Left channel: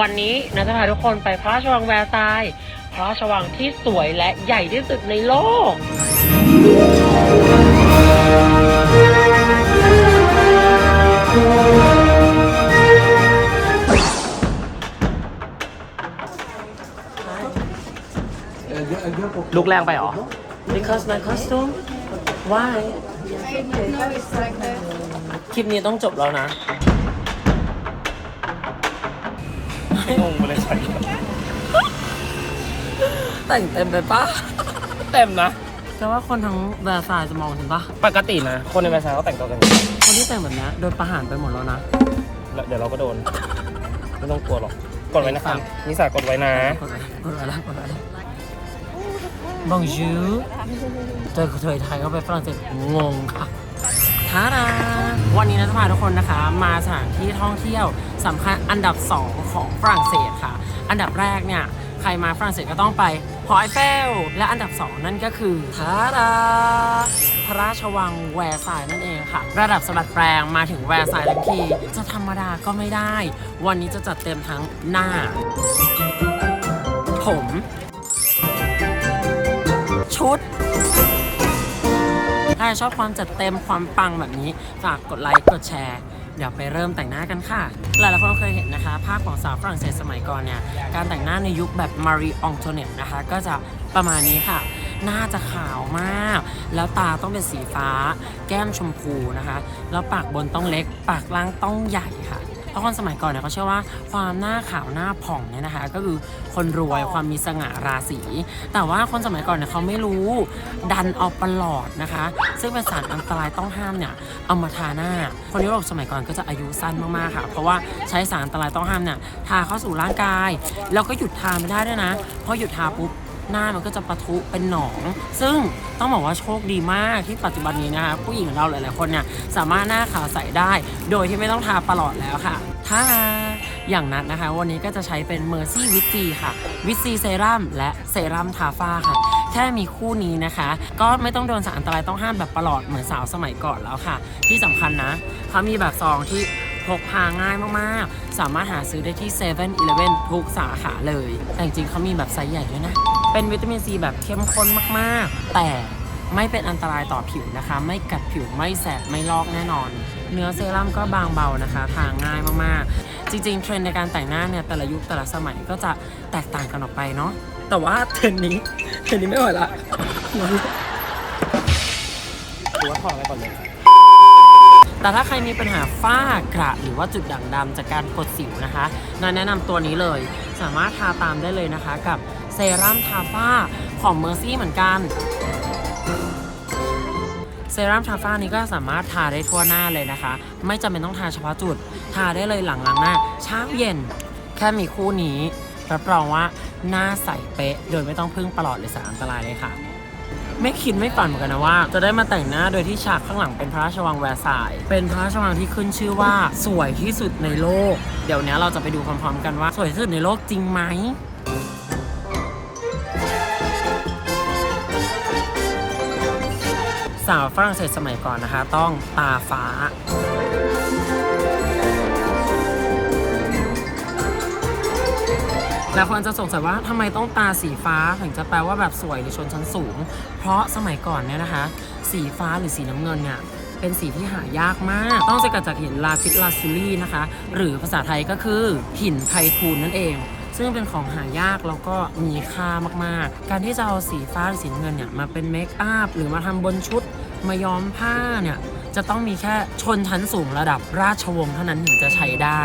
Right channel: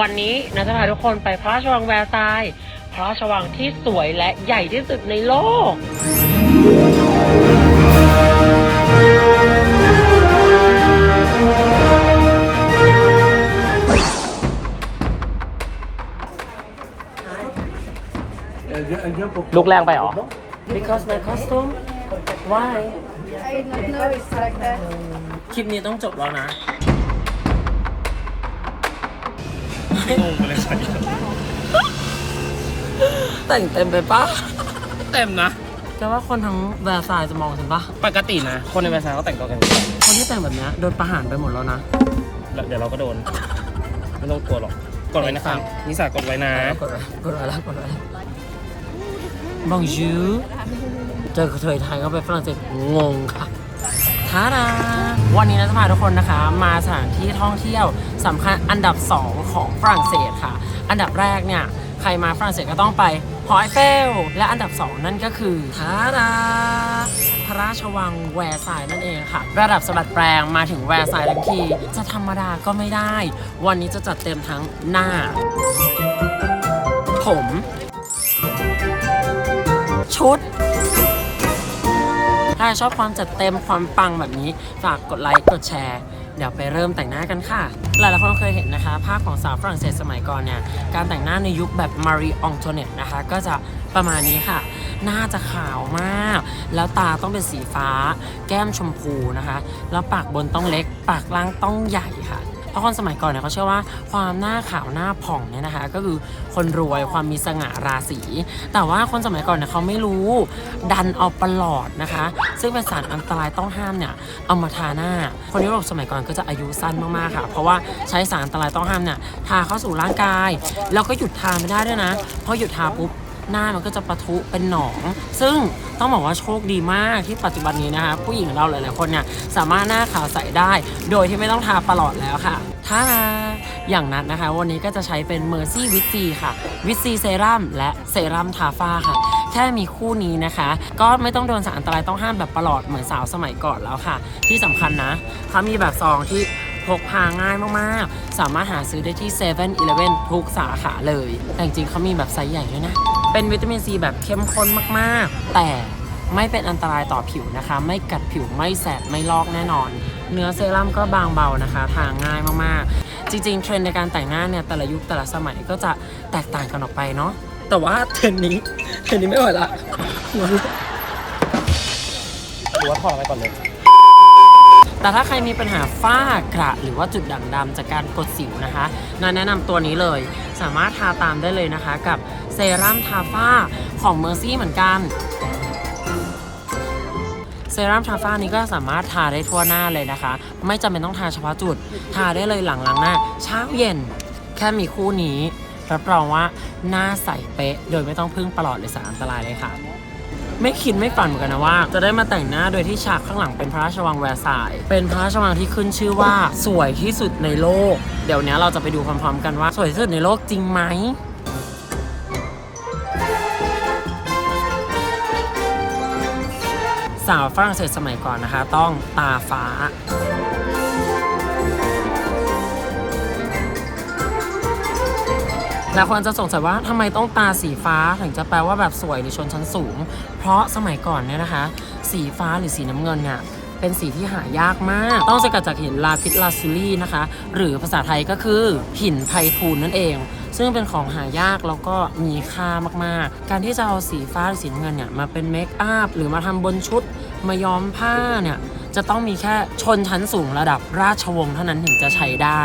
วันนี้นะจะพาทุกคนไปพระราชวังแวร์ซายน์พระราชวังที่สวยและใหญ่ที่สุดในโลกลุกแรงไปเหรอ because my costume why I don't know it's like that. คลิปนี้ต้องจบแล้วนะ แต่งเต็มไปปะเต็มนะแต่ว่าคนทั้งแวร์ซายน์จะมองฉันปะปกตินะ คนในภาษาเขาแต่งตัวกันอย่างนี้คนที่แต่งแบบเนี้ยโดนประหารไปหมดแล้วนะแล้วเดี๋ยวเราก็โดน ไม่ต้องกลัวหรอก กดไว้นะครับนิสากดไว้นะ กดไว้กดไว้แล้วกดไว้แล้วบองจูเจอกระเทยไทยเข้าไปฝรั่งเศสงงค่ะท้าดาวันนี้นะจะพาทุกคนนะคะ มาสถานที่ท่องเที่ยว สำคัญอันดับ 2 ของฝรั่งเศสค่ะ อันดับแรกเนี่ยใครมาฝรั่งเศสก็ต้องไปหอไอเฟล และอันดับ 2 นั่นก็คือทาดาพระราชวังแวร์ซายน์นั่นเองค่ะ ระดับสะบัดแปลงมาถึงแวร์ซายน์ทั้งทีจะธรรมดาก็ไม่ได้ วันนี้จะจัดเต็มทั้งหน้า ผม ชุดถ้าชอบความจัดเต็มความปังแบบนี้ ฝากกดไลค์ กดแชร์ เดี๋ยวไปเริ่มแต่งหน้ากันค่ะ หลายๆคนเคยเห็นนะคะ ภาพของสาวฝรั่งเศสสมัยก่อนเนี่ย การแต่งหน้าในยุคแบบมารีอองโทเนตนะคะ ก็จะประมาณนี้ค่ะ หน้าจะขาวมาก แล้วตาต้องเป็นสีฟ้า แก้มชมพูนะคะ แล้วปากบนต้องเล็ก ปากล่างต้องใหญ่ค่ะ เพราะคนสมัยก่อนเนี่ยเขาเชื่อว่าความหน้าขาวหน้าผ่องเนี่ยนะคะ ก็คือคนรวยความมีสง่าราศี แต่ว่าคนสมัยก่อนเนี่ยเขาไม่รู้ดันเอาประหลอดนะคะ ซึ่งเป็นสารอันตรายต้องห้ามเนี่ยเอามาทาหน้า คนยุโรปสมัยก่อนก็จะอายุสั้นมากๆค่ะ เพราะว่าใช้สารอันตรายต้องห้ามเนี่ยทาเข้าสู่ร่างกาย แล้วก็หยุดทาไม่ได้ด้วยนะเพราะหยุดทาปุ๊บ หน้ามันก็จะปะทุเป็นหนอง ซึ่งต้องบอกว่าโชคดีมากที่ปัจจุบันนี้นะคะ ผู้หญิงเราหลายๆคนเนี่ยสามารถหน้าขาวใสได้ โดยที่ไม่ต้องทาปลอดแล้วค่ะถ้าอย่างนัดนนะคะ วันนี้ก็จะใช้เป็น Mercy w i t ซีค่ะวิตซีเซรั่มและเซรั่มทาฝ้าค่ะแค่มีคู่นี้นะคะ ก็ไม่ต้องโดนสารอันตรายต้องห้ามแบบประหลอดเหมือนสาวสมัยก่อนแล้วค่ะ ที่สำคัญนะเขามีแบบซองที่ พกพาง่ายมากๆ สามารถหาซื้อได้ที่7 e เ e ่ e อทุกสาขาเลย แต่จริงๆเขามีแบบไซส์ใหญ่ด้วยนะ เป็นวิตามินซีแบบเข้มข้นมากๆ แต่ไม่เป็นอันตรายต่อผิวนะคะ ไม่กัดผิวไม่แสบไม่ลอกแน่นอน เนื้อเซรั่มก็บางเบานะคะ ทาง่ายมากๆ จริงๆ เทรนด์ในการแต่งหน้าเนี่ยแต่ละยุคแต่ละสมัยก็จะแตกต่างกันออกไปเนาะแต่ว่าเทรนด์นี้เทรนด์นี้ไม่ไหวละหัวลุกดูว่าทองไว้ก่อนเลย แต่ถ้าใครมีปัญหาฝ้ากระหรือว่าจุดด่างดำจากการกดสิวนะคะนายแนะนำตัวนี้เลย สามารถทาตามได้เลยนะคะ กับเซรั่มทาฝ้าของ Mercy เหมือนกันเซรั่มทาฝ้านี้ก็สามารถทาได้ทั่วหน้าเลยนะคะ ไม่จำเป็นต้องทาเฉพาะจุด ทาได้เลยหลังล้างหน้า เช้าเย็น แค่มีคู่นี้ รับรองว่าหน้าใสเป๊ะ โดยไม่ต้องพึ่งประหลอดหรือสารอันตรายเลยค่ะ ไม่คิดไม่ฝันเหมือนกันนะว่า จะได้มาแต่งหน้าโดยที่ฉากข้างหลังเป็นพระราชวังแวร์ซาย เป็นพระราชวังที่ขึ้นชื่อว่า สวยที่สุดในโลก เดี๋ยวนี้เราจะไปดูพร้อมๆกันว่า สวยที่สุดในโลกจริงไหมสาวฝรั่งเศสสมัยก่อนนะคะ ต้องตาฟ้า หลายคนจะสงสัยว่าทำไมต้องตาสีฟ้าถึงจะแปลว่าแบบสวยหรือชนชั้นสูง เพราะสมัยก่อนเนี่ยนะคะ สีฟ้าหรือสีน้ำเงินเนี่ยเป็นสีที่หายากมาก ต้องสกัดจากหินลาพิสลาซิลี่นะคะ หรือภาษาไทยก็คือหินไพทูลนั่นเอง ซึ่งเป็นของหายากแล้วก็มีค่ามากๆ การที่จะเอาสีฟ้าหรือสีน้ำเงินเนี่ยมาเป็นเมคอัพหรือมาทำบนชุดมาย้อมผ้าเนี่ยจะต้องมีแค่ชนชั้นสูงระดับราชวงศ์เท่านั้นถึงจะใช้ได้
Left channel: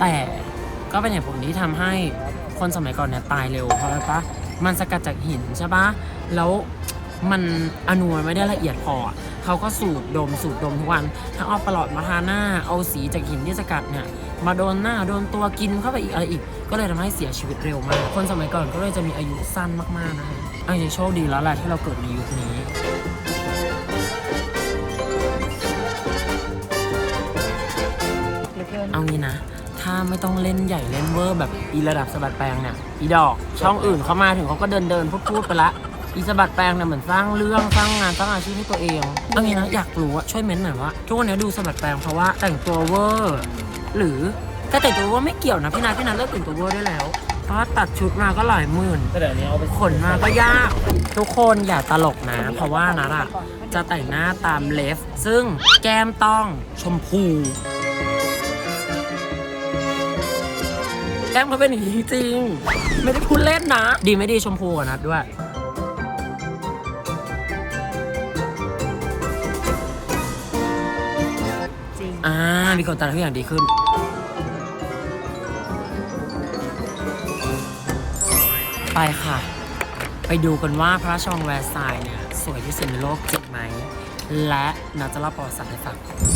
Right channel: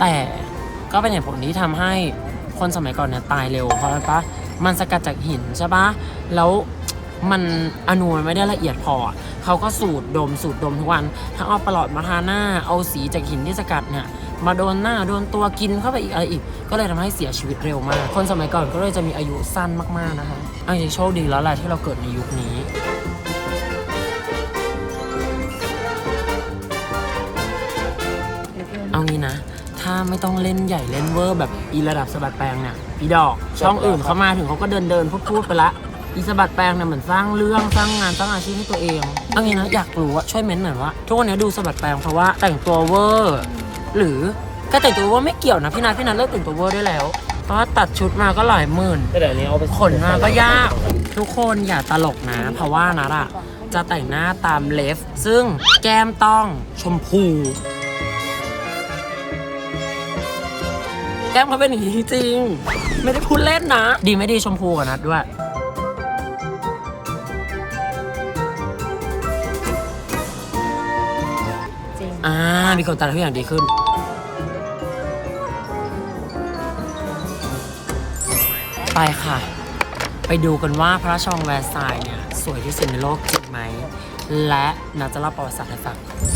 แต่ ก็เป็นเหตุผลที่ทำให้คนสมัยก่อนเนี่ยตายเร็วเพราะอะไรปะมันสกัดจากหินใช่ปะแล้วมันอนูมันไม่ได้ละเอียดพอ เขาก็สูดดมสูดดมทุกวัน ทั้งเอาปลอดมาทาหน้า เอาสีจากหินที่สกัดเนี่ยมาโดนหน้าโดนตัวกินเข้าไปอีกอะไรอีก ก็เลยทำให้เสียชีวิตเร็วมาก คนสมัยก่อนก็เลยจะมีอายุสั้นมากๆนะคะอันนี้โชคดีแล้วแหละที่เราเกิดในยุคนี้ ไม่ต้องเล่นใหญ่เล่นเวอร์แบบอีระดับสะบัดแปลงเนี่ยอีดอก ช่องอื่นเขามาถึงเขาก็เดินเดินพูดพูดไปละอีสะบัดแปลงเนี่ยเหมือนสร้างเรื่องสร้างงานสร้างอาชีพให้ตัวเองเอางี้นะอยากรู้ว่าช่วยเม้นต์หน่อยว่าทุกวันนี้ดูสะบัดแปลงเพราะว่าแต่งตัวเวอร์หรือก็แต่งตัวว่าไม่เกี่ยวนะพี่นัทพี่นัทเลิกแต่งตัวเวอร์ได้แล้วเพราะว่าตัดชุดมาก็หลายหมื่นก็เดี๋ยวนี้เอาไปขนมาก็ยาก ทุกคนอย่าตลกนะ เพราะว่านัทอะจะแต่งหน้าตามเลฟ ซึ่งแก้มต้องชมพู แก้มเขาเป็นอย่างนี้จริงๆไม่ได้พูดเล่นนะ ดีไม่ดีชมพูกว่านัดด้วยอ่า มีคนตัดทุกอย่างดีขึ้น ไปค่ะ ไปดูกันว่าพระราชวังแวร์ซายน์เนี่ย สวยที่สุดในโลกจริงไหม และนาจะเล่าประวัติศาสตร์ให้ฟังเคยมีโ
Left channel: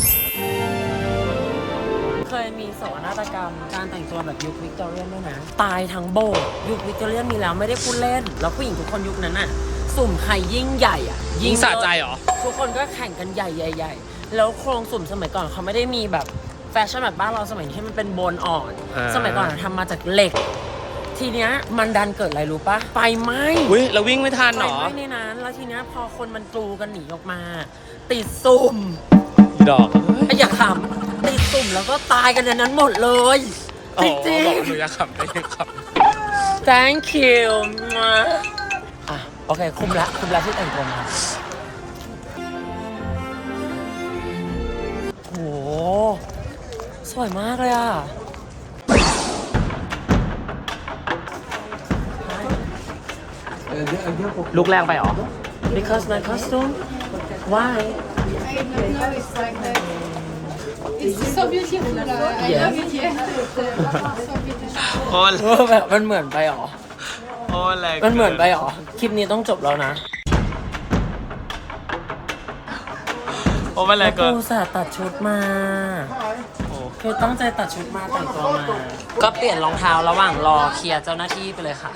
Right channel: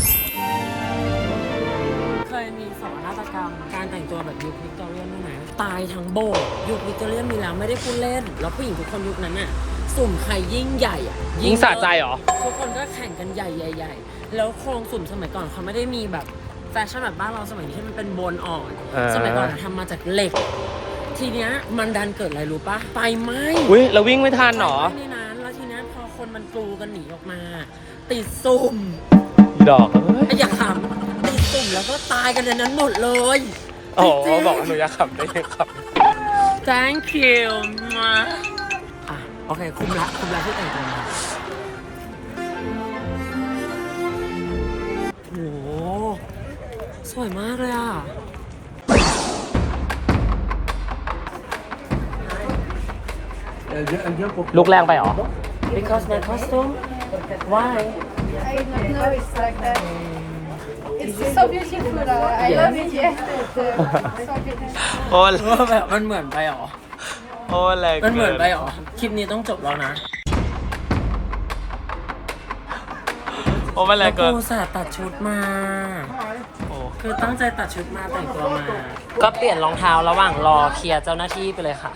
ศกนาฏกรรม การแต่งตัวแบบยุควิกตอเรียนด้วยนะ ตายทั้งโบสถ์ยุควิกตอเรียนมีแล้วไม่ได้พูดเล่น แล้วผู้หญิงทุกคนยุคนั้นน่ะ สุ่มใครยิ่งใหญ่อะยิงสะใจเหรอ ทุกคนก็แข่งกันใหญ่ใหญ่ๆแล้วโครงสุ่มสมัยก่อนเขาไม่ได้มีแบบแฟชั่นแบบบ้านเราสมัยนี้ที่มันเป็นโบนอ่อน อ่า สมัยก่อนทำมาจากเหล็ก ทีเนี้ยมันดันเกิดอะไรรู้ปะไฟไหม้ อุ้ยเราวิ่งไม่ทันไฟเหรอไหม้ในนั้นแล้วทีเนี้ยพอคนมันกลูกันหนีออกมา ติดสุ่ม ดอกไอ้อย่าขำ ติดสุ่มแล้วก็ตายกันในนั้นหมดเลยอ๋อจริงบอกว่าหนูจะขับได้ไหมครับๆ thank you อะโอเค คุมละคุมละที่แต่งตัวมาโห สวยมากเลยอะ ลูกแรงไปเหรอ because my costume why I did not know it's like that. It's so beautiful. Uh, I Yes. love it. Yeah. so beautiful. โอ้ว่าแบบมันเหมือนไปหรอ โอ้แรงมันเหมือนไปหรอ คลิปนี้ต้องจบแล้วนะโอ้ไม่แรแล้งวเกิน กูสาตัดชุดมาคือตั้งใจตัดชุดมาแต่งตัวมา ก็เปลี่ยนรองเท้าระหว่างรอเคลียร์เจ้าหน้าที่ไปเลยค่ะ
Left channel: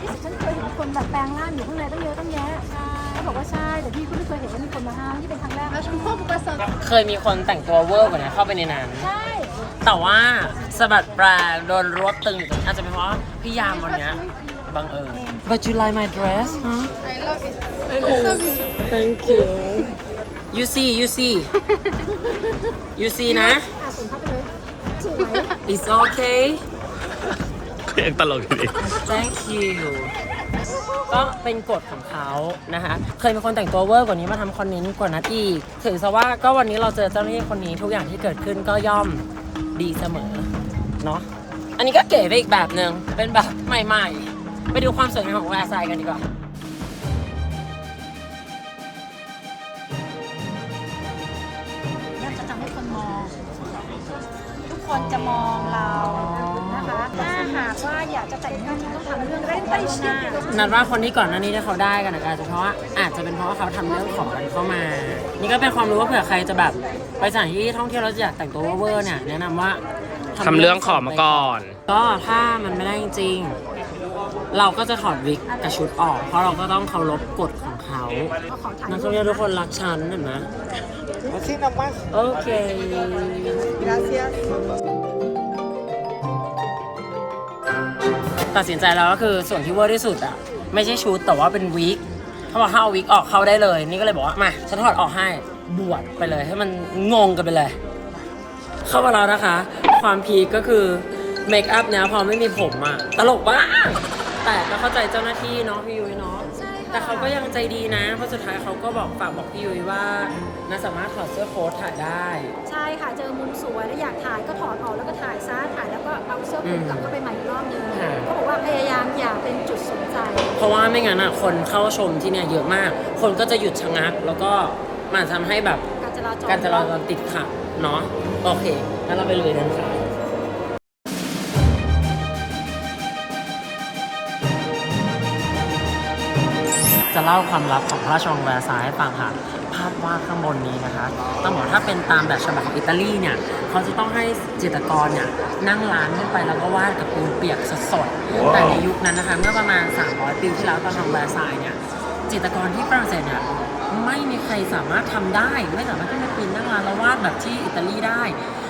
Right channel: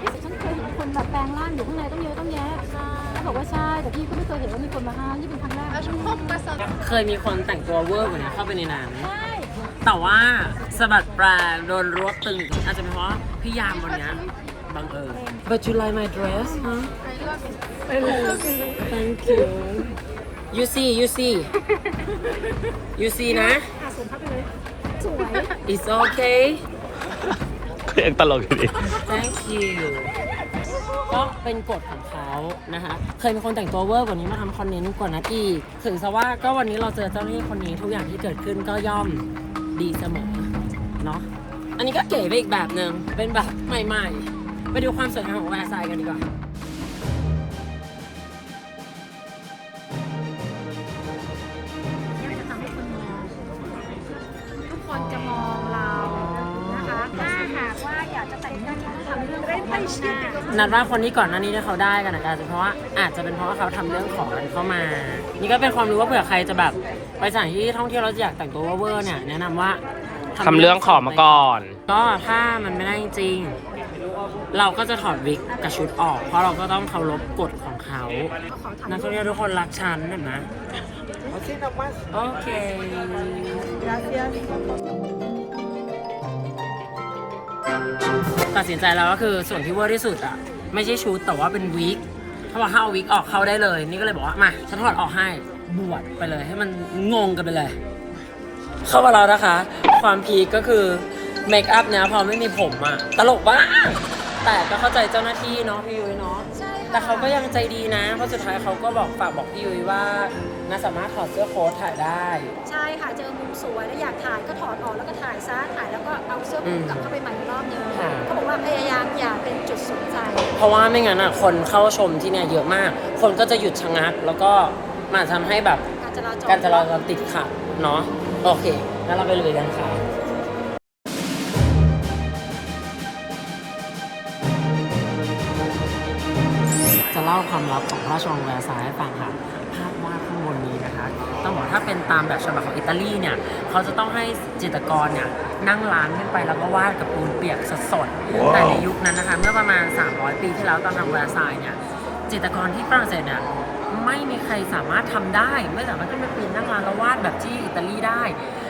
ที่ฉันเคยเห็นคนแบบแปลงร่างอยู่ข้างในต้อง แต่พี่ก็ไม่เคยเห็นว่ามีคนมาห้ามนี่เป็นครั้งแรกเคยมีคนแต่งตัวเวอร์กว่านี้เข้าไปในนั้นใช่แต่ว่าสะบัดปลาโดนรวบตึงอยู่ตรงนี้อาจจะเป็นเพราะพี่ยามวันเนี้ยบังเอิญ But you like my dress huh I love it. Thank you You see you see You see นะค่ะส่งเข้าไปเลยสวย It's okay ก็ยังตลกอยู่ดิ Thank you ก็เป็นกฎของเขานะคะ เคยมีคนแต่งตัวเวอร์กว่านี้มาทำคอนเทนต์กว่านั้นอีกถือซะว่าก็วันนี้เราเจอเจ้าหน้าที่คนนี้ทุกอย่างที่เกิดขึ้นก็ย่อมดีเสมอเนาะอันนี้ก็เก๋ไปอีกแบบหนึ่งเป็นแบบใหม่ ๆ ไปดูความสวยงามของแวร์ไซด์กันดีกว่า น้านัดว่าคนที่ก่อนหน้านี้ที่เขาได้กันอะอาจจะเพราะว่าอาจจะเป็นเพราะว่าเขาทำเรื่องขอกันเข้ามา นี่ก็เป็นความรู้ว่าเผื่อใครจะแบบไปสถานที่ท่องเที่ยวแล้วอยากแต่งตัวเวอร์ๆเนี่ยแนะนำว่าทำเรื่องขอมาก่อน ก็ถ้ามันไม่ได้จริงๆเราก็จะถอดวิกกับชุดออก เพราะเราก็ต้องเคารพกฎของเขานักท่องเที่ยวทุกคนรักฉันเห็นไหมโอเค ตัดสินใจแล้วก็คือส่วนที่เวอร์ที่สุดอะไม่ใช่ชุดแต่ว่าเป็นวิกเขาบอกถ้าเอาวิกออกเข้าได้เลย นี่ก็เลยบอกว่ามาฉันถอดออกให้บวชไปเลย ให้มันงงกันไปเลย เข้ามาแล้วนะคะ ความพีคก็คือเมคอัพเนี้ยพอไม่มีผมอะตลกบ้าแต่ก็เข้าใจเจ้าหน้าที่เนาะพี่ยุ้ยเนาะ แต่เขาก็ยังใจดีนะ เพราะสุดท้ายเขาก็บอกฝากบอกพี่ยุ้ยว่าน่าสามารถถอดเสื้อโค้ทถ่ายได้ ใช่ค่ะเจอมุมสวยแล้วอยากถ่ายก็ถอดออกแล้วก็ถ่ายซะถ่ายแล้วก็เอาเสื้อคลุมกลับเข้าไปใหม่อีกรอบนึงค่ะ เขาบอกว่าพยายามอย่าเป็นจุดสนใจ เพราะว่าไม่งั้นอะคนเข้าชมที่เนี่ยเยอะมาก คนก็จะหยุดชะงัก แล้วก็มันอาจจะทำให้แบบการจราจร การจราจรติดขัดเนาะโอเคงั้นเราไปลุยกันค่ะ ล่าความลับของพระราชวังแวร์ซายน์ให้ฟังค่ะ ภาพวาดข้างบนนี้นะคะ ต้องบอกถ้าเป็นตามแบบฉบับของอิตาลีเนี่ยเขาจะต้องให้จิตรกรเนี่ยนั่งร้านขึ้นไปแล้วก็วาดกับปูนเปียกสดๆ แต่ในยุคนั้นนะคะเมื่อประมาณ 300 ปีที่แล้วตอนทำแวร์ซายน์เนี่ยจิตรกรที่ฝรั่งเศสเนี่ยไม่มีใครสามารถทำได้ ไม่สามารถขึ้นไปปีนนั่งร้านแล้ววาดแบบที่อิตาลีได้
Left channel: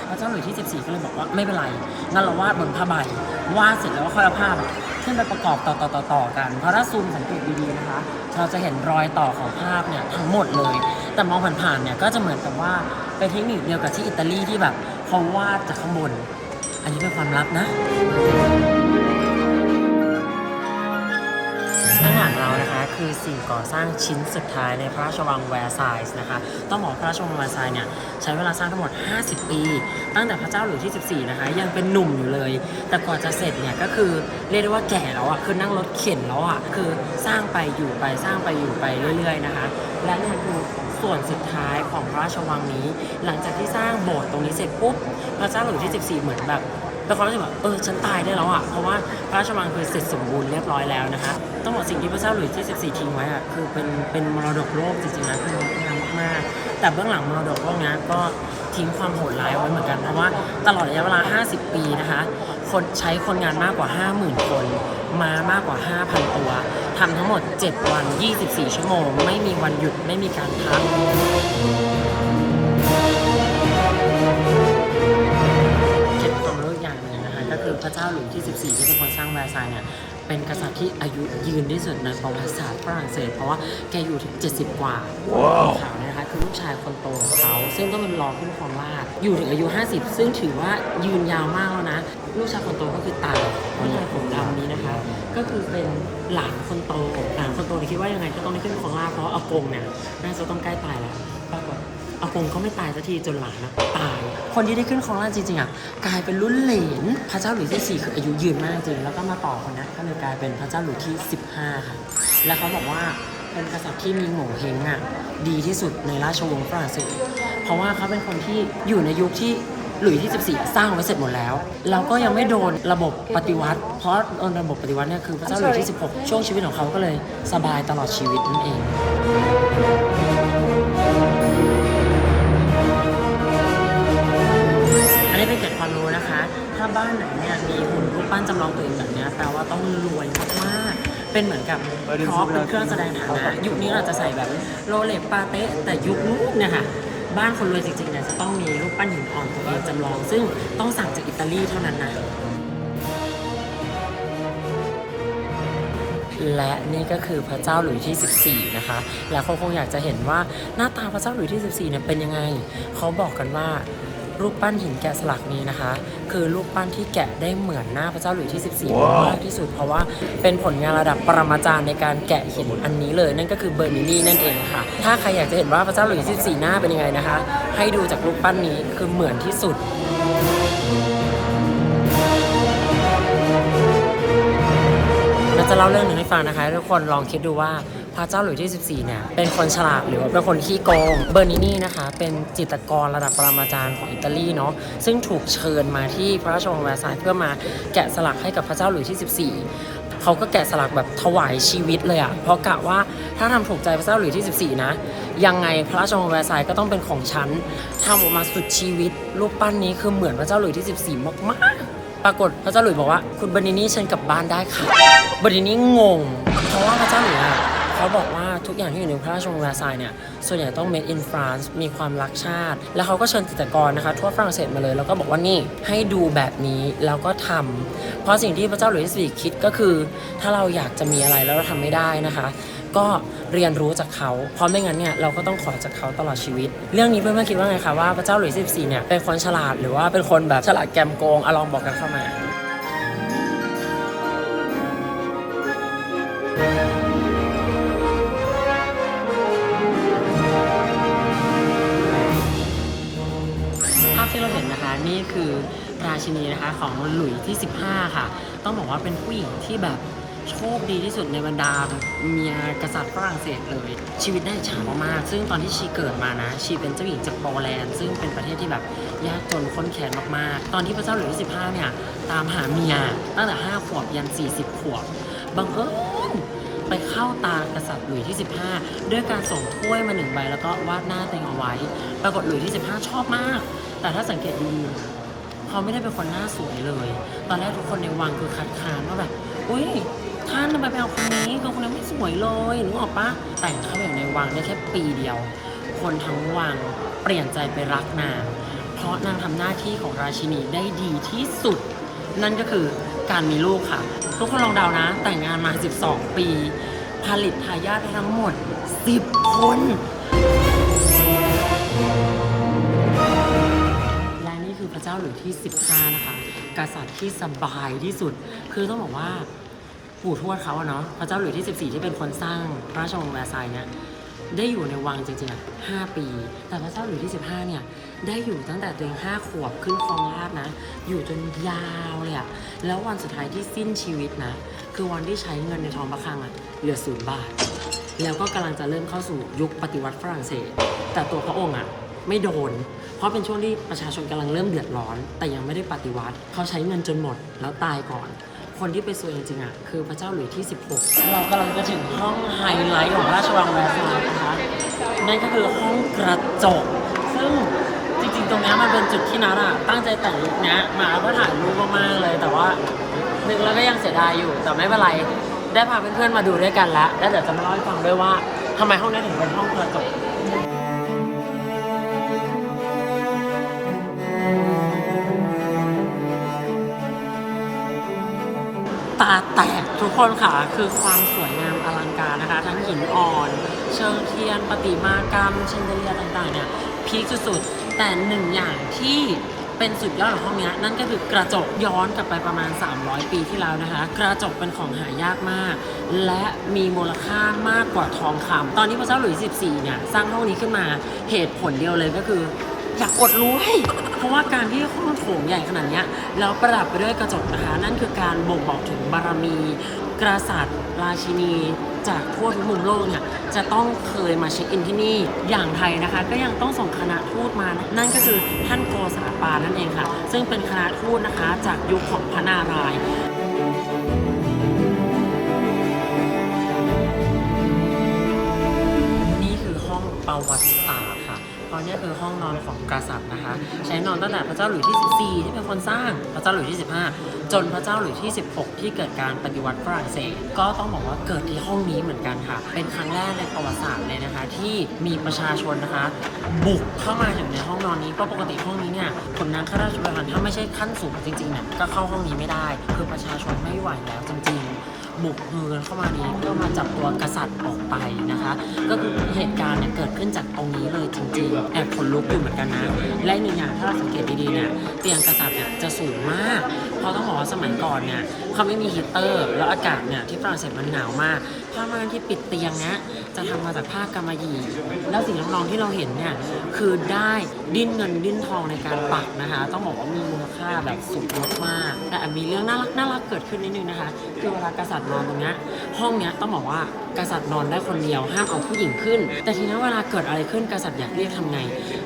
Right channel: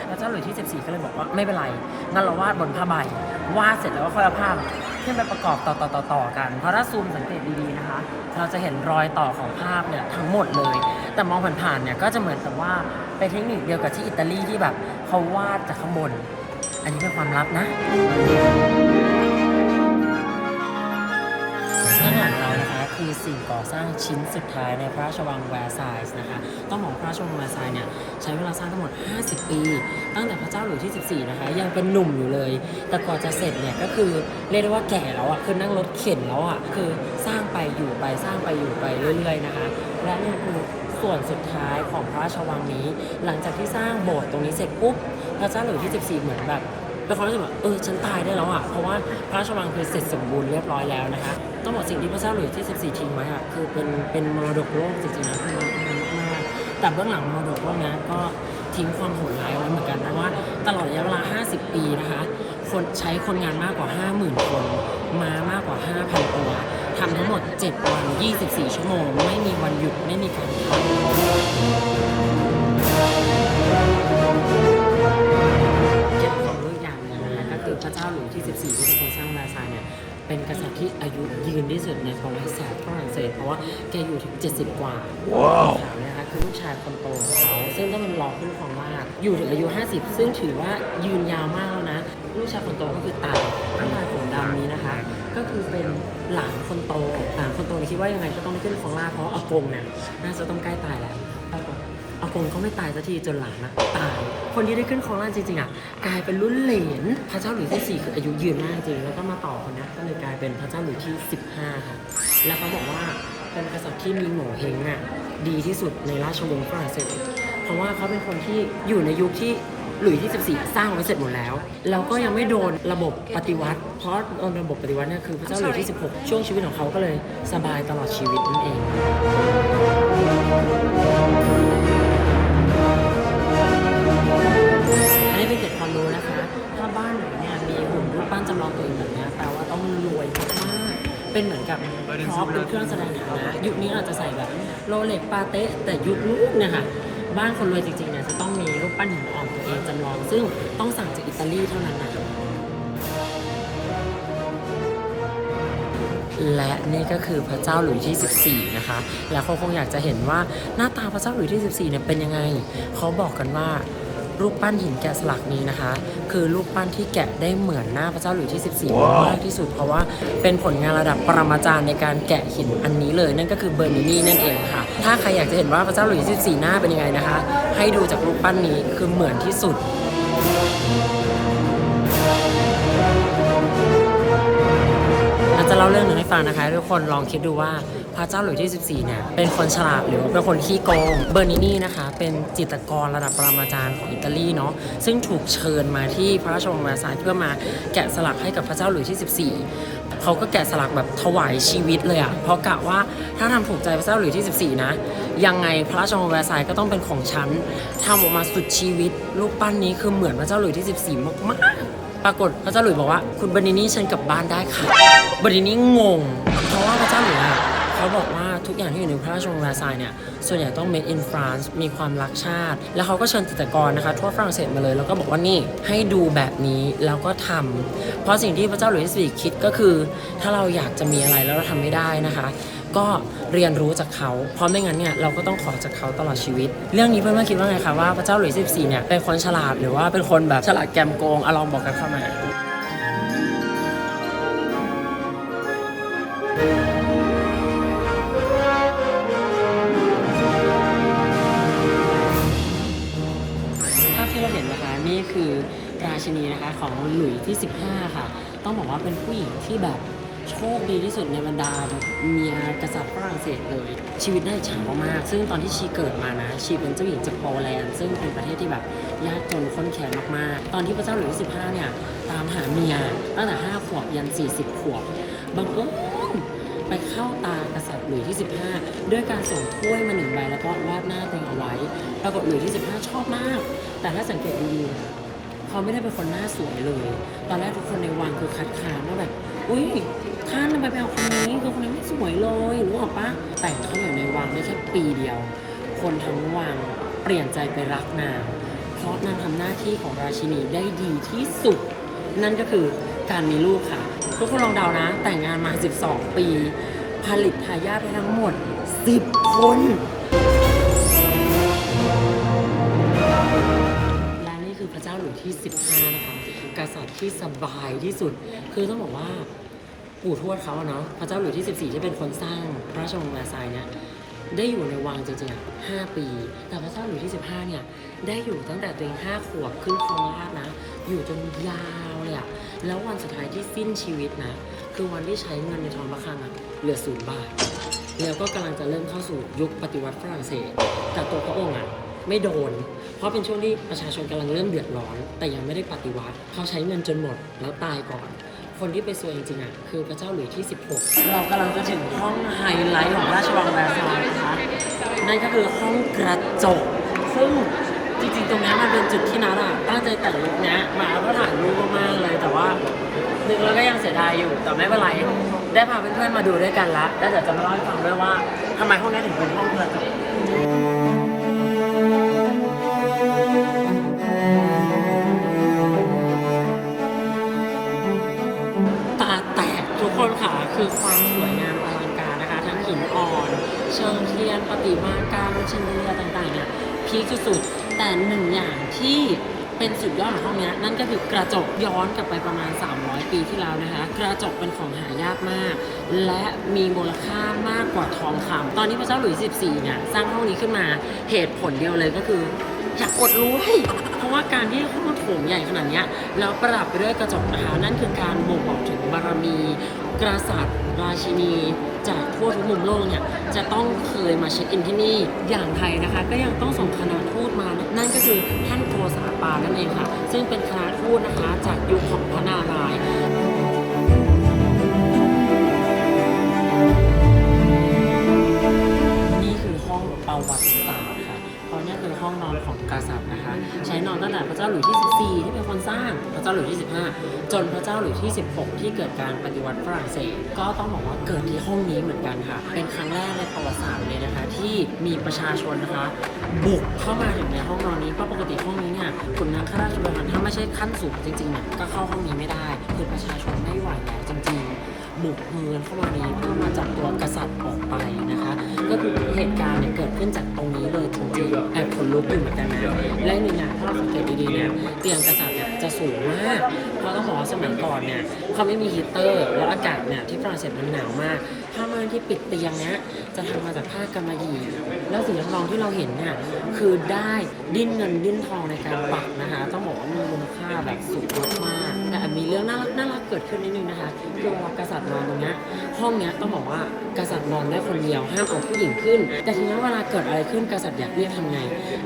แล้วเจ้าหลุยที่ 14 ก็เลยบอกว่าไม่เป็นไรงั้นเราวาดบนผ้าใบวาดเสร็จแล้วก็ค่อยเอาภาพอะ ขึ้นไปประกอบต่อต่อต่อต่อกัน เพราะถ้าซูมสังเกตดีๆนะคะ เราจะเห็นรอยต่อของภาพเนี่ยทั้งหมดเลย แต่มองผ่านๆเนี่ยก็จะเหมือนกับว่าเป็นเทคนิคเดียวกับที่อิตาลีที่แบบเขาวาดจากข้างบน อันนี้เป็นความลับนะ นะคะคือสิ่งก่อสร้างชิ้นสุดท้ายในพระราชวังแวร์ซายส์นะคะต้องบอกพระราชวังแวร์ซายส์เนี่ยใช้เวลาสร้างทั้งหมด 50 ปี ตั้งแต่พระเจ้าหลุยส์ที่ 14 นะคะยังเป็นหนุ่มอยู่เลย แต่กว่าจะเสร็จเนี่ยก็คือเรียกได้ว่าแก่แล้วอะคือนั่งรถเข็นแล้วอะคือสร้างไปอยู่ไปสร้างไปอยู่ไปเรื่อยๆนะคะ และนี่คือส่วนสุดท้ายของพระราชวังนี้ หลังจากที่สร้างโบสถ์ตรงนี้เสร็จปุ๊บพระเจ้าหลุยส์ที่ 14 เหมือนแบบเป็นความรู้สึกแบบเออฉันตายได้แล้วอะเพราะว่าพระราชวังคือเสร็จสมบูรณ์เรียบร้อยแล้วนะคะ ต้องบอกสิ่งที่พระเจ้าหลุยส์ที่ 14 ทิ้งไว้อะคือเป็นเป็นมรดกโลกจริงๆนะคืองามมากๆ แต่เบื้องหลังมรดกโลกนี้ก็ทิ้งความโหดร้ายไว้เหมือนกันเพราะว่าตลอดระยะเวลา 50 ปีนะคะ คนใช้คนงานมากกว่า 50,000 คนมามากกว่า 5,000 ตัวทำทั้งหมด 7 วัน 24 ชั่วโมง ไม่มีวันหยุดไม่มีการพักเก็บความรู้อีกอย่างหนึ่งนะคะ ก็คือพระเจ้าหลุยที่ 14 ที่เป็นคนสร้างแวร์ซายน์เนี่ย เป็นกษัตริย์ที่อายุยืนที่สุดในประวัติศาสตร์ฝรั่งเศส เพราะว่าแกอยู่ถึง 70 กว่าขาวเนี่ยนะคะคือลูกชายคนโตของเขา ซึ่งต้องเป็นรองขึ้นครองราชย์อยู่ถึงอายุ 50 ซึ่งถือว่ายืนยาวมากแล้วนะ ลูกชายคนโตก็คือตายผู้ชายผมดำนี้นะคะ ก็คือเป็นหลานคนโตหลานคนโตเนี่ยคิดว่ายังไงก็ต้องได้ขึ้นครองราชย์เพราะว่าอากงเนี่ยน่าจะต้องใกล้ตายแล้วปรา กฏองก็ไม่ตายสักทีจนหลานนะตาย คนที่ได้ขึ้นครองราชจริงๆอะกลายเป็นรุ่นเหลนพระเจ้าหลุยส์ที่4คืออายุยืนมากจริงแล้วก็มาต่อคนนี้ก็เลยกลายเป็นพระเจ้าหลุยส์ที่ 15 ค่ะ และเขาบอกว่าเป็นกษัตริย์ที่มีโง่เฮงอะดีที่สุดในราชวงศ์ฝรั่งเศสเพราะว่าเขาเป็นคนที่อยู่ในยุคที่หลุยส์ที่ 14 สร้างไว้เสร็จหมดแล้ว เราก็ยังไม่โดนระบบปฏิวัติ เพราะโดนระบบปฏิวัติเนี่ยคือพระเจ้าหลุยส์ที่ 16 ช่วงชีวิตของเขาก็เลยสบายตลอดชีวิตนั่นเอง เป็นเหมือนกับพร็อพเป็นเครื่องแสดงฐานะ ยุคนี้เราจะใส่แบบโรเล็กปาเต้แต่ยุคนู้นเนี่ยค่ะบ้านคนรวยจริงๆเนี่ยจะต้องมีรูปปั้นหินอ่อนตัวเองจำลอง ซึ่งต้องสั่งจากอิตาลีเท่านั้นนะและนี่ก็คือพระเจ้าหลุยส์ที่ 14 นะคะ แล้วเขาคงอยากจะเห็นว่าหน้าตาพระเจ้าหลุยที่ 14 เนี่ยเป็นยังไง เขาบอกกันว่า รูปปั้นหินแกะสลักนี้นะคะ คือรูปปั้นที่แกะได้เหมือนหน้าพระเจ้าหลุยส์ที่ 14มากที่สุดเพราะว่าเป็นผลงานระดับปรมาจารย์ในการแกะหินอันนี้เลย นั่นก็คือเบอร์นินี่นั่นเองค่ะ ถ้าใครอยากจะเห็นว่าพระเจ้าหลุยส์ที่14 หน้าเป็นยังไงนะคะ ให้ดูจากรูปปั้นนี้คือเหมือนที่สุดเราจะเล่าเรื่องหนึ่งให้ฟังนะคะให้ทุกคนลองคิดดูว่า พระเจ้าหลุยส์ที่ 14 เนี่ย เป็นคนฉลาดหรือว่าเป็นคนขี้โกง เบอร์นินี่นะคะ เป็นจิตรกรระดับปรมาจารย์ของอิตาลีเนาะ ซึ่งถูกเชิญมาที่พระราชวังแวร์ซายน์เพื่อมาแกะสลักให้กับพระเจ้าหลุยส์ที่ 14 เขาก็แกะสลักแบบถวายชีวิตเลยอะเพราะกะว่าถ้าทำถูกใจพระเจ้าหลุยส์ที่ 14 นะ ยังไงพระราชวังแวร์ซายน์ก็ต้องเป็นของฉันทำออกมาสุดชีวิต รูปปั้นนี้คือเหมือนพระเจ้าหลุยส์ที่ 14 มากๆปรากฏพระเจ้าหลุยบอกว่าคุณเบอร์นินี่เชิญกลับบ้านได้ค่ะเบอร์นินี่งง เพราะว่าพระเจ้าหลุยอะ เขาบอกว่าทุกอย่างที่อยู่ในพระราชวังแวร์ซายเนี่ย ส่วนใหญ่ต้อง made in France มีความรักชาติ แล้วเขาก็เชิญจิตรกรนะคะ ทั่วฝรั่งเศสมาเลย แล้วก็บอกว่านี่ให้ดูแบบนี้แล้วก็ทำเพราะสิ่งที่พระเจ้าหลุยส์สี่คิดก็คือ ถ้าเราอยากจะมีอะไรแล้วเราทำไม่ได้นะคะ ก็เรียนรู้จากเขา เพราะไม่งั้นเนี่ยเราก็ต้องขอจากเขาตลอดชีวิต เรื่องนี้เพื่อนๆคิดว่าไงคะว่าพระเจ้าหลุยส์ที่เนี่ยเป็นคนฉลาดหรือว่าเป็นคนแบบฉลาดแกมโกงอลองบอกกันเข้ามาภา นี่คือราชินีนะคะของหลุยที่ 15 ค่ะ ต้องบอกว่าเป็นผู้หญิงที่แบบโชคดีที่สุดในบรรดาเมียกษัตริย์ฝรั่งเศสเลย ชีวิตได้ฉามมาก ซึ่งตอนที่ชีเกิดมานะ ชีเป็นเจ้าหญิงจากโปแลนด์ ซึ่งเป็นประเทศที่แบบยากจนข้นแค้นมากๆ ตอนที่พระเจ้าหลุยที่15 เนี่ย ตามหาเมียตั้งแต่ 5 ขวบยัน 40 ขวบ บังเอิญ เข้าตากษัตริย์หลุยที่ 15 ด้วยการส่งถ้วยมาหนึ่งใบแล้วก็วาดหน้าตัวเองเอาไว้ ปรากฏหลุยที่ 15 ชอบมาก แต่ถ้าสังเกตดูเขาไม่ได้เป็นคนหน้าสวยเลย ตอนแรกทุกคนในวังคือคัดค้านว่าแบบ อุ้ยท่านทำไมไปเอาคนนี้คือคนนี้ไม่สวยเลยนึกออกปะแต่งเข้าอยู่ในวังได้แค่ปีเดียว คนทั้งวังเปลี่ยนใจไปรักนาง เพราะนางทำหน้าที่ของราชินีได้ดีที่สุด นั่นก็คือการมีลูกค่ะ ทุกคนลองเดานะ แต่งงานมา 12 ปี ผลิตทายาททั้งหมด 10 คน และนี่คือพระเจ้าหลุยที่ 15 นะคะ กษัตริย์ที่สบายที่สุด คือต้องบอกว่าปู่ทวดเขาเนาะพระเจ้าหลุยที่ 14 ที่เป็นคนสร้างพระาชวงแวร์ไซน์เนี่ยได้อยู่ในวังจริงๆห้าปี แต่พระเจ้าหลุยที่ 15 เนี่ย ได้อยู่ตั้งแต่ตัวเองห้าขวบขึ้นครองราชนะ อยู่จนยาวเลยอะแล้ววันสุดท้ายที่สิ้นชีวิตนะ คือวันที่ใช้เงินในทองพระคลังอะเหลือศูนย์บาท แล้วก็กำลังจะเริ่มเข้าสู่ยุคปฏิวัติฝรั่งเศส แต่ตัวพระองค์อะไม่โดน เพราะเป็นช่วงที่ประชาชนกำลังเริ่มเดือดร้อน แต่ยังไม่ได้ปฏิวัติ เขาใช้เงินจนหมดแล้วตายก่อน คนที่ไปซวยจริงๆอะคือพระเจ้าหลุยส์ที่ 16 เรากำลังจะถึงห้องไฮไลท์ของราชวังแวร์ซายน์นะคะนั่นก็คือห้องกระจก ซึ่งจริงๆ ตรงนี้มันเป็นจุดที่นัดอะตั้งใจแต่งลุคเนี้ยมาเพื่อถ่ายรูปมากๆเลยแต่ว่า นึกแล้วก็ยังเสียดายอยู่ แต่ไม่เป็นไร ได้พาเพื่อนๆมาดูด้วยกันละแล้วเดี๋ยวจะมาเล่าให้ฟังด้วยว่าทำไมห้องนี้ถึงเป็นห้องกระจกตาแตกทุกคนค่ะ คือความสวยงามอลังการนะคะ ทั้งหินอ่อน เชิงเทียนประติมากรรมเชนเดเลียต่างๆเนี่ยพีคสุดๆแต่หนึ่งอย่างที่ เป็นสุดยอดของห้องนี้นั่นก็คือกระจกย้อนกลับไปประมาณ 300 ปีที่แล้วนะคะ กระจกเป็นของหายากมาก และมีมูลค่ามากกว่าทองคำตอนนี้พระเจ้าหลุยส์14เนี่ยสร้างห้องนี้ขึ้นมาเหตุผลเดียวเลยก็คืออยากอดรู้เพราะว่าการที่ห้องโถงใหญ่ขนาดนี้แล้วประดับไปด้วยกระจกนะคะ นั่นคือการบ่งบอกถึงบารมี กษัตริย์ราชินี จากทั่วทุกมุมโลกเนี่ยจะต้องเคยมาเช็คอินที่นี่อย่างไทยนะคะ ก็ยังต้องส่งคณะทูตมานั่นก็คือท่านโกษาปานั่นเองค่ะ ซึ่งเป็นคณะทูตนะคะจากยุคของพระนารายณ์นี่คือห้องประวัติ เนี่ยคือห้องนอนของกษัตริย์นะคะ ใช้นอนตั้งแต่พระเจ้าหลุยส์ที่ 14 ที่เป็นคนสร้างพระเจ้าหลุยที่ 15 จนพระเจ้าหลุยที่ 16 ที่เกิดการปฏิวัติฝรั่งเศส ก็ต้องบอกว่าเกิดที่ห้องนี้เหมือนกันค่ะ เป็นครั้งแรกในประวัติศาสตร์เลยนะคะ ที่มีประชาชนนะคะ บุกเข้ามาถึงในห้องนอนนี้เพราะปกติห้องนี้เนี่ยขุนนางข้าราชบารถ้าไม่ใช่ขั้นสูงจริงๆเนี่ยก็เข้าห้องนี้ไม่ได้ คือประชาชนไม่ไหวแล้วจริงๆ บุกมือเข้ามานี้เพื่อมาจับตัวกษัตริย์ออกไปนะคะ ก็คือเหตุการณ์เนี่ยเกิดขึ้นจากตรงนี้เลยจริงๆแอบขนลุกอยู่เหมือนกันนะและอีกหนึ่งอย่างถ้าเราสังเกตดีๆเนี่ยเตียงกษัตริย์เนี่ยจะสูงมาก เพราะต้องบอกว่าสมัยก่อนเนี่ยเขาไม่มีฮีเตอร์ แล้วอากาศเนี่ยที่ฝรั่งเศสมันหนาวมากผ้าม่านที่ปิดเตียงเนี้ยจะทำมาจากผ้ากำมะหยี่ แล้วสีทองรองที่เราเห็นเนี่ยคือได้ดิ้นเงินดิ้นทองในการปักนะคะ ต้องบอกว่ามีมูลค่าแบบสุดยอดมาก แต่มีเรื่องน่ารักน่ารักเกิดขึ้นนิดนึงนะคะคือเวลากษัตริย์นอนตรงนี้ห้องเนี้ยต้องบอกว่ากษัตริย์นอนได้คนเดียวห้ามเอาผู้หญิงขึ้น แต่ทีนี้เวลาเกิดอะไรขึ้นกษัตริย์อยากเรียกทำไง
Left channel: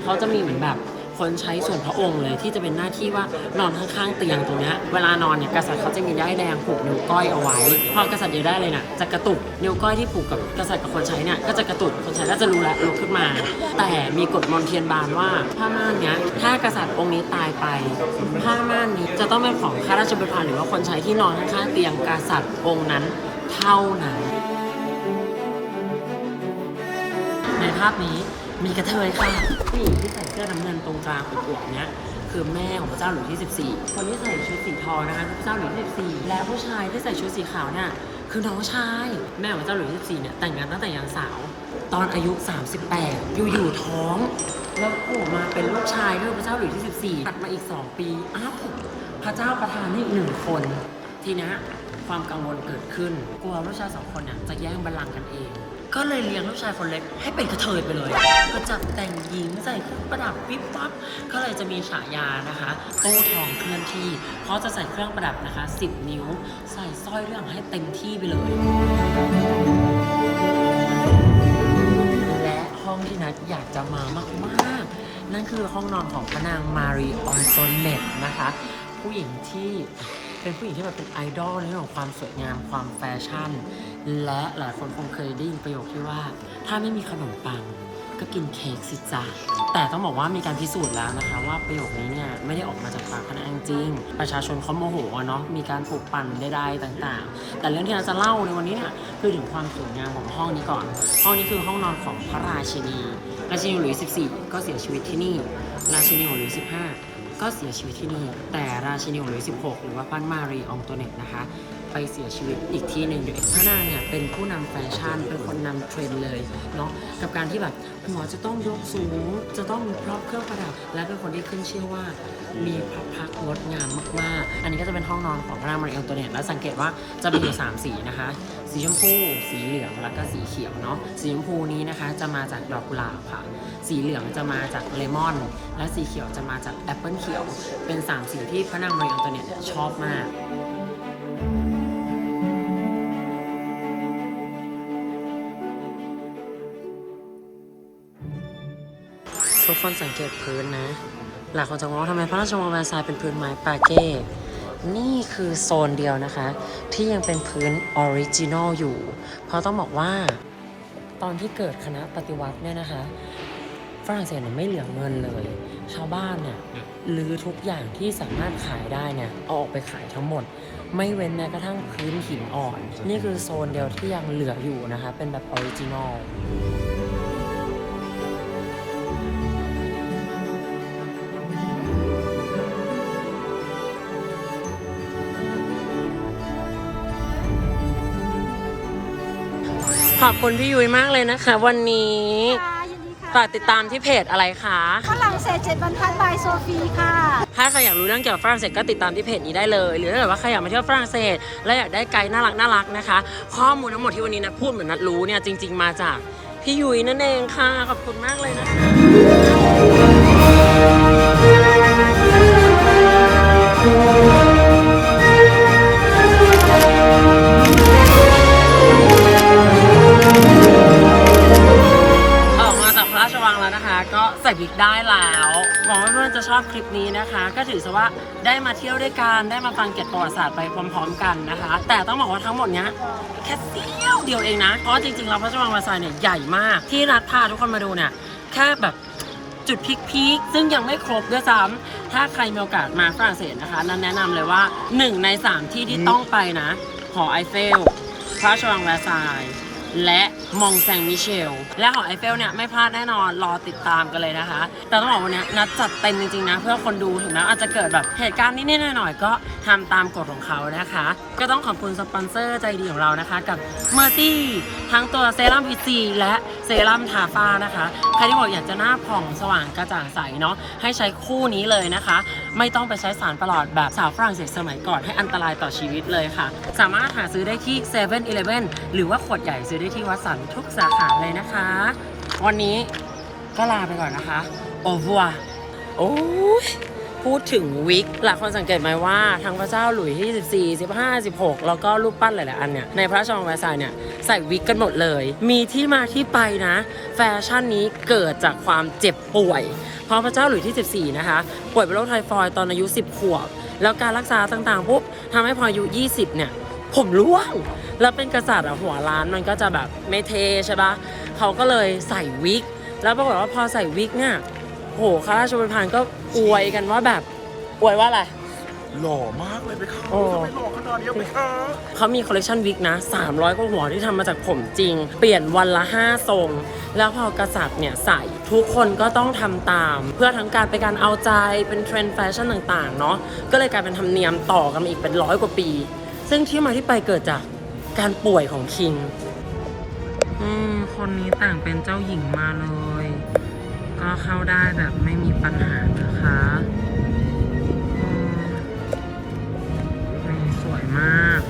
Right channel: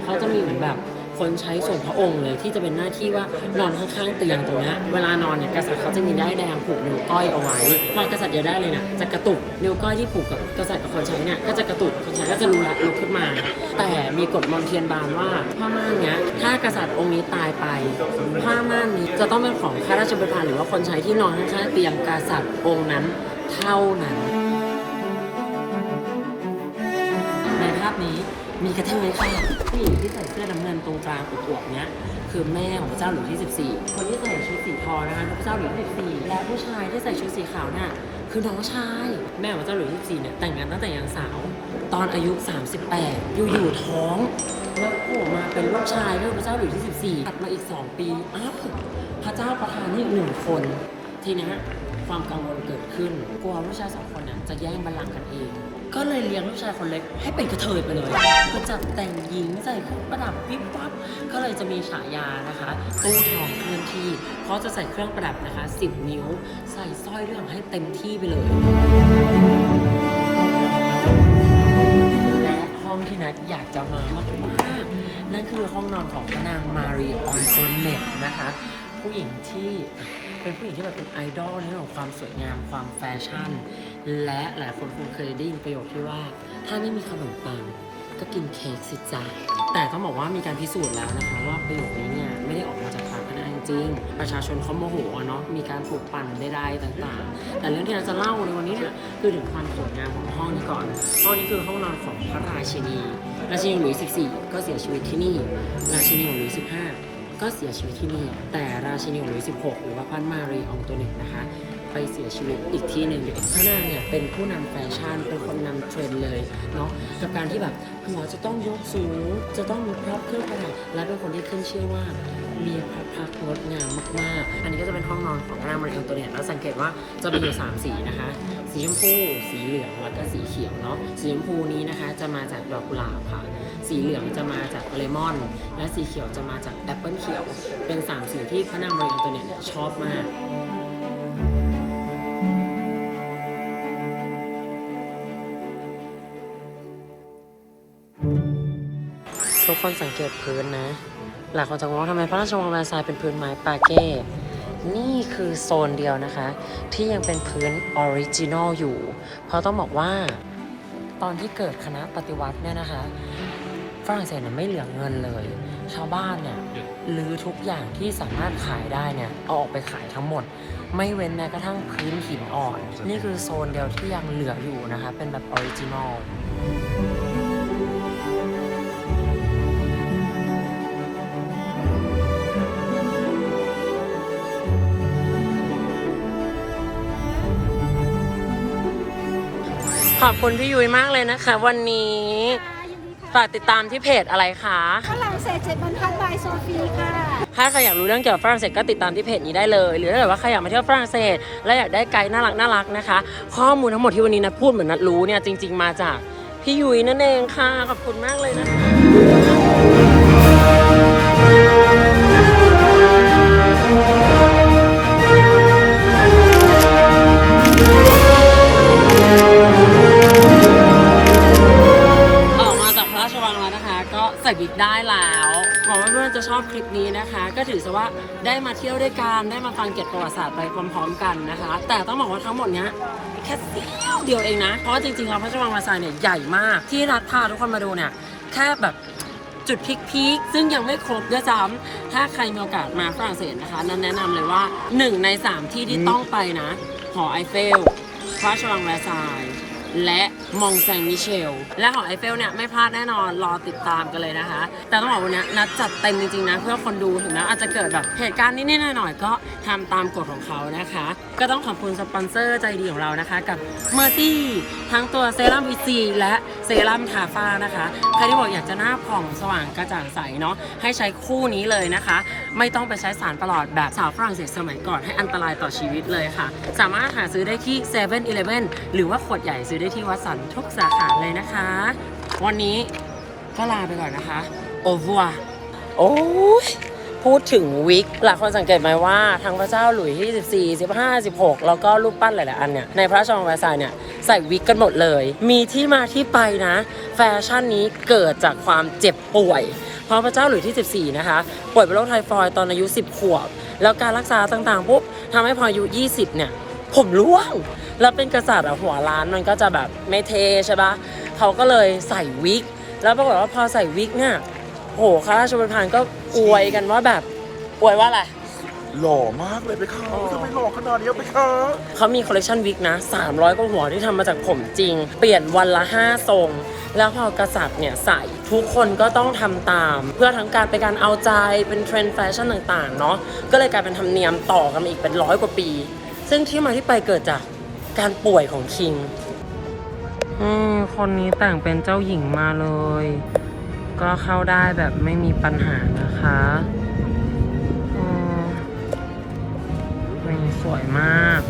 เขาจะมีเหมือนแบบ คนใช้ส่วนพระองค์เลยที่จะเป็นหน้าที่ว่านอนข้างๆเตียงตรงนี้เวลานอนเนี่ยกษัตริย์เขาจะมีได้แดงผูกนิ้วก้อยเอาไว้ พอกษัตริย์อยากได้เลยน่ะจะกระตุกนิ้วก้อยที่ผูกกับกษัตริย์กับคนใช้เนี่ยก็จะกระตุกคนใช้ก็จะรู้ละลุกขึ้นมา แต่มีกฎมอนเทียนบานว่าผ้าม่านเนี้ยถ้ากษัตริย์องค์นี้ตายไป ผ้าม่านนี้จะต้องเป็นของข้าราชบริพารหรือว่าคนใช้ที่นอนข้างๆเตียงกษัตริย์องค์นั้นเท่านั้นในภาพนี้ มีกระเทยค่ะผู้หญิงที่ใส่เสื้อน้ำเงินตรงกลางอวบๆเนี้ยคือแม่ของพระเจ้าหลุยส์ที่14คนที่ใส่ชุดสีทองนะคะคือพระเจ้าหลุยส์ที่14และผู้ชายที่ใส่ชุดสีขาวเนี่ยคือน้องชาย แม่ของพระเจ้าหลุยส์ที่14เนี่ยแต่งงานตั้งแต่ยังสาว ตอนอายุ 38 อยู่ๆท้องแล้วโผล่มาเป็นลูกชายคือพระเจ้าหลุยส์ที่14ตัดมาอีก 2 ปีอ้าวพระเจ้าประทานให้อีกหนึ่งคนทีนี้ความกังวลเกิดขึ้น กลัวลูกชายสองคนเนี่ยจะแย่งบัลลังก์กันเอง ก็เลยเลี้ยงลูกชายคนเล็กให้เป็นกระเทยไปเลย ก็จับแต่งหญิงใส่เครื่องประดับวิบวับ ก็เลยจะมีฉายานะคะโต้ทองเคลื่อนที่ เพราะจะใส่เครื่องประดับนะคะ 10 นิ้ว ใส่สร้อยเรื่องให้เต็มที่ไปเลยและห้องที่นัดอยากจะมามากๆนั่นคือห้องนอนของพระนางมารีออนโตเนตนะคะ ผู้หญิงที่ เป็นผู้หญิงที่แบบเป็นไอดอลในเรื่องของความสวยงามความแฟชั่น และหลายคนคงเคยได้ยินประโยคที่ว่า ถ้าไม่มีขนมปังก็กินเค้กสิจ้าแต่ต้องบอกว่ามีการพิสูจน์แล้วนะคะ ว่าประโยคนี้เนี่ยไม่ได้ออกมาจากปากพระนางจริง ประชาชนเขาโมโหเนาะมีการปลูกปั่นใดๆต่างๆ แต่เรื่องที่เราจะเล่าในวันนี้เนี่ยคือถึงความสวยงามของห้องนี้ก่อน ห้องนี้คือห้องนอนของพระราชินี ราชินีหลุยส์14 ก็เสียชีวิตที่นี่ ราชินีหลุยส์15 ก็เสียชีวิตที่นี่ แต่ราชินีหลุยส์16 หรือว่าพันมารีอองโตเนตนะคะ ไปเสียชีวิตอีกที่หนึ่งพระนางเนี่ยเป็นผู้นำแฟชั่น เป็นคนนำเทรนด์เลยเนาะกับการที่แบบหัวจะต้องยกสูง จะต้องมีพร็อพเครื่องประดับ และเป็นคนที่ขึ้นชื่อว่ามีพระพักตร์งดงามมากๆ อันนี้ก็จะเป็นห้องนอนของพระนางมารีอังโตเนตแล้วสังเกตว่าจะมีอยู่ 3 สีนะคะ สีชมพู สีเหลือง แล้วก็สีเขียวเนาะ สีชมพูนี้นะคะจะมาจากดอกกุหลาบค่ะ สีเหลืองจะมาจากเลมอน และสีเขียวจะมาจากแอปเปิลเขียว เป็น3สีที่พระนางมารีอังตเนตเนี่ยชอบมากทุกคนสังเกตพื้นนะ หลายคนจะงงว่าทำไมพระราชวังแวร์ซายเป็นพื้นไม้ปาเก้นี่คือโซนเดียวนะคะ ที่ยังเป็นพื้นออริจินอลอยู่ เพราะต้องบอกว่า ตอนที่เกิดคณะปฏิวัติเนี่ยนะคะ ฝรั่งเศสเนี่ยไม่เหลือเงินเลย ชาวบ้านเนี่ยลือทุกอย่างที่สามารถขายได้เนี่ยเอาออกไปขายทั้งหมด ไม่เว้นแม้กระทั่งพื้นหินอ่อน นี่คือโซนเดียวที่ยังเหลืออยู่นะคะ เป็นแบบออริจินอลขอบคุณพี่ยุ้ยมากเลยนะคะ วันนี้ ฝากติดตามที่เพจอะไรคะฝรั่งเศสเจ็ดบรรทัดบายโซฟีค่ะ ถ้าใครอยากรู้เรื่องเกี่ยวกับฝรั่งเศสก็ติดตามที่เพจนี้ได้เลย หรือถ้าเกิดว่าใครอยากมาเที่ยวฝรั่งเศส และอยากได้ไกด์น่ารักน่ารักนะคะ ข้อมูลทั้งหมดที่วันนี้นัดพูดเหมือนนัดรู้เนี่ยจริง ๆ มาจากพี่ยุ้ยนั่นเองค่ะ ขอบคุณมากเลยนะคะ วิกได้แล้วหวังว่าเพื่อนจะชอบคลิปนี้นะคะ ก็ถือซะว่าได้มาเที่ยวด้วยกันได้มาฟังเกร็ดประวัติศาสตร์ไปพร้อมๆกันนะคะ แต่ต้องบอกว่าทั้งหมดเนี้ยแค่เสี้ยวเดียวเองนะ เพราะว่าจริงๆแล้วพระราชวังมาซายเนี่ยใหญ่มาก ที่รัฐพาทุกคนมาดูเนี่ยแค่แบบจุดพีคๆซึ่งยังไม่ครบด้วยซ้ำถ้าใครมีโอกาสมาฝรั่งเศสนะคะ นั้นแนะนำเลยว่าหนึ่งในสามที่ที่ต้องไปนะ หอไอเฟล พระราชวังแวร์ซาย และมองแซงมิเชล และหอไอเฟลเนี่ยไม่พลาดแน่นอนรอติดตามกันเลยนะคะ แต่ต้องบอกวันนี้นัดจัดเต็มจริงๆนะ เพื่อคนดูถึงแม้อาจจะเกิดแบบเหตุการณ์นิดๆหน่อยๆก็ทำตามกฎของเขานะคะ ก็ต้องขอบคุณสปอนเซอร์ใจดีของเรานะคะ กับเมอร์ตี้ทั้งตัวเซรั่มวีซีและเซรั่มทาฟ้านะคะใครที่บอกอยากจะหน้าผ่องสว่างกระจ่างใสเนาะให้ใช้คู่นี้เลยนะคะ ไม่ต้องไปใช้สารประหลอดแบบสาวฝรั่งเศสสมัยก่อนให้อันตรายต่อชีวิตเลยค่ะ สามารถหาซื้อได้ที่7 e เ e ่ e อหรือว่าขวดใหญ่ซื้อได้ที่วัดสันทุกสาขาเลยนะคะ วันนี้ก็ลาไปก่อนนะคะ โอวัว โอ้ยพูดถึงวิกหลายคนสังเกตไหมว่าทั้งพระเจ้าหลุยที่14 15 16 แล้วก็รูปปั้นหลายๆอันเนี่ย ในพระราชวังแวร์ซายเนี่ย ใส่วิกกันหมดเลย มีที่มาที่ไปนะ แฟชั่นนี้เกิดจากความเจ็บป่วย เพราะพระเจ้าหลุยที่ 14 นะคะ ป่วยเป็นโรคไทฟอยด์ตอนอายุ 10 ขวบ แล้วการรักษาต่างๆปุ๊บทำให้พออายุ 20 เนี่ย ผมร่วง แล้วเป็นกษัตริย์อะหัวล้านมันก็จะแบบไม่เทใช่ปะเขาก็เลยใส่วิก แล้วปรากฏว่าพอใส่วิกเนี่ยโหข้าราชบริพารก็อวยกันว่าแบบอวยว่าอะไร หล่อมากเลยไปค่ะโอ้ ทำไมหล่อขนาดนี้ไปค่ะเขามีคอลเลคชันวิกนะ 300กว่าหัวที่ทำมาจากผมจริง เปลี่ยนวันละ 5 ทรง แล้วพอกษัตริย์เนี่ยใส่ทุกคนก็ต้องทำตาม เพื่อทั้งการเป็นการเอาใจเป็นเทรนด์แฟชั่นต่าง ๆ เนาะก็เลยกลายเป็นธรรมเนียมต่อกันมาอีกเป็นร้อยกว่าปี ซึ่งที่มาที่ไปเกิดจาก การป่วยของคิงอคนนี้แต่งเป็นเจ้าหญิงมาเลย ก็เข้าได้แบบไม่มีปัญหานะคะอืมนี่สวยมาก